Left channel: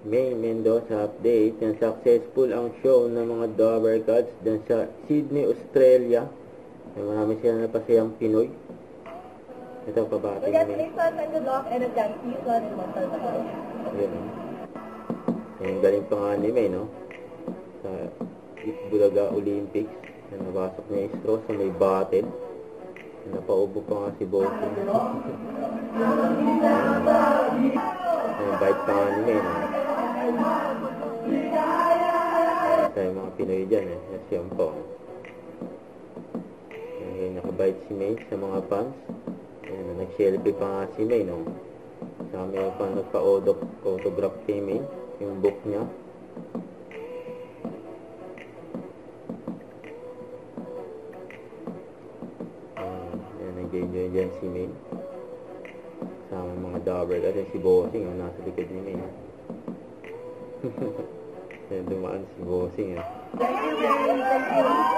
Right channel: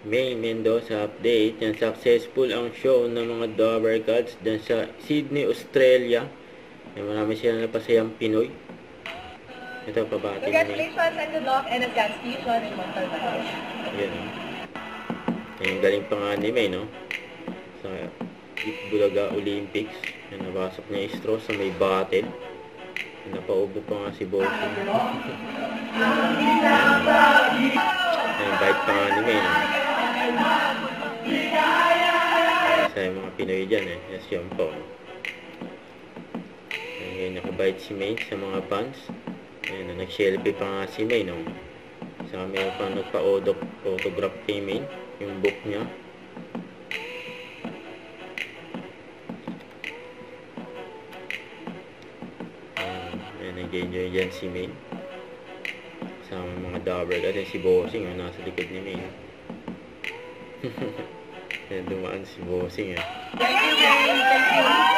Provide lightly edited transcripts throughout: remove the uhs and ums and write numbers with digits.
May Mendoza update. Yan, successful ang show ng mga Dover Cats dyan sa Sydney, Australia. Yan, marami silang napasayang Pinoy. Ito, pabati na Congratulations on the lock and advanced fusion in Montalban. yan, o. Yan, galing pa nga ni May, no? Sa Bulaga Olympics. Yan, nabasok niya yung straw sa may bottle. Yan, napaubo pa nga si Bossy. Yan, bite pa nga ni May, no? Sa mga Pinoy dyan, yes, yun po. Yan, nakabite si May sa mga fans. Ayan, nag-selfie pa nga si May, no? Saka meron pa nagpa-autograph kay May, yung book niya. Ayan, nag-enjoy dyan si May. Kasama mga Dover kasi si Bossing, nasa likod ni May. Ayan, dumaan si Bossing, Thank you, Mary. Thank you.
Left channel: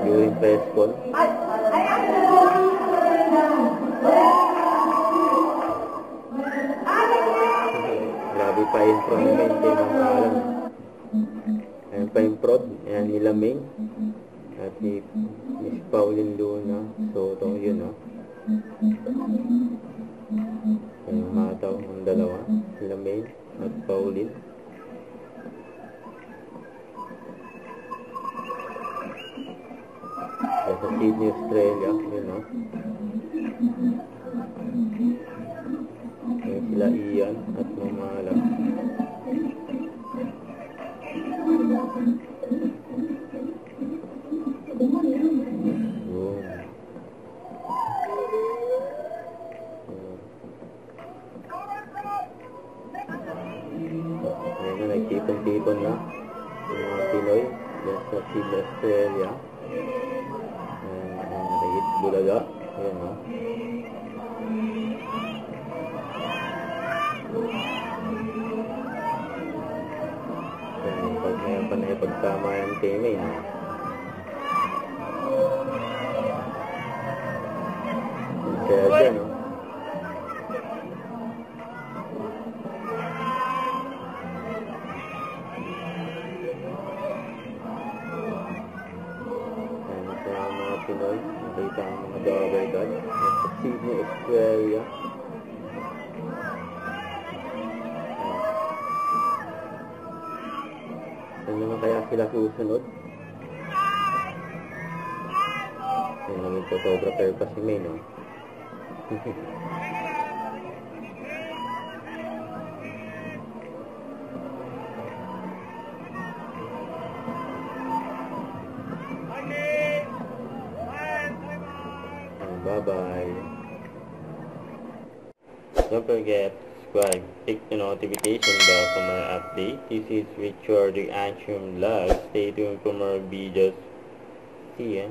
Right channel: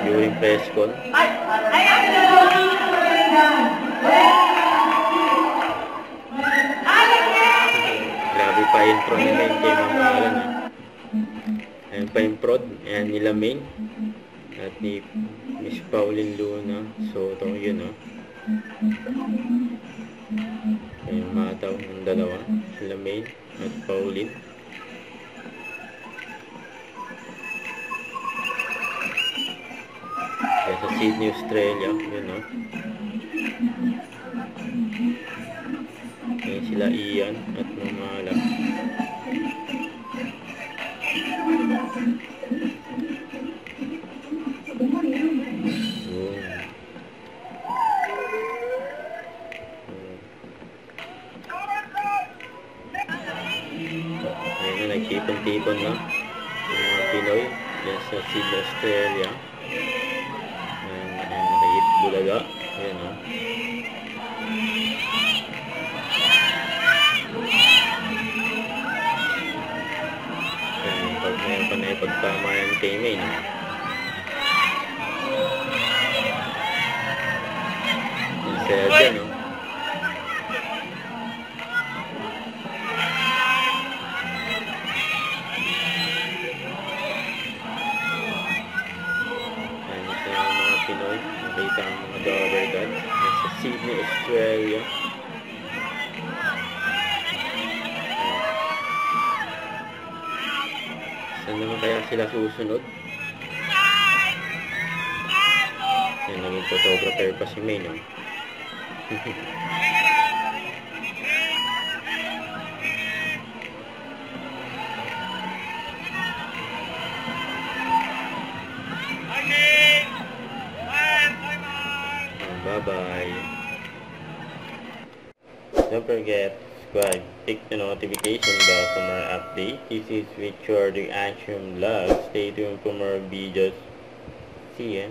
During press con. Grabe pa intro ni Main kay mamahalan, Ayan pa yung prod. Ayan nila Main at ni Miss Pauline Luna Soto, yun, Ayan mataw ang dalawa, sila Main at Pauline. Sa Sydney, Australia, yun, Ayan sila Ian at Mamala. Ayan na, nagtipon-tipon na yung mga Pinoy dyan sa Sydney, Australia. Bulaga. Ayan, Ayan, pag mayroon pa na ipagtamayan kay May, Saya dyan, Pinoy, nakita ang mga Dover Cats sa Sydney, Australia. Saan naman kaya sila susunod? Yan, naging photographer pa si May, Bye-bye. Don't forget to subscribe, click the notification bell for more updates. This is Victor the Action Vlog. Stay tuned for more videos. See ya.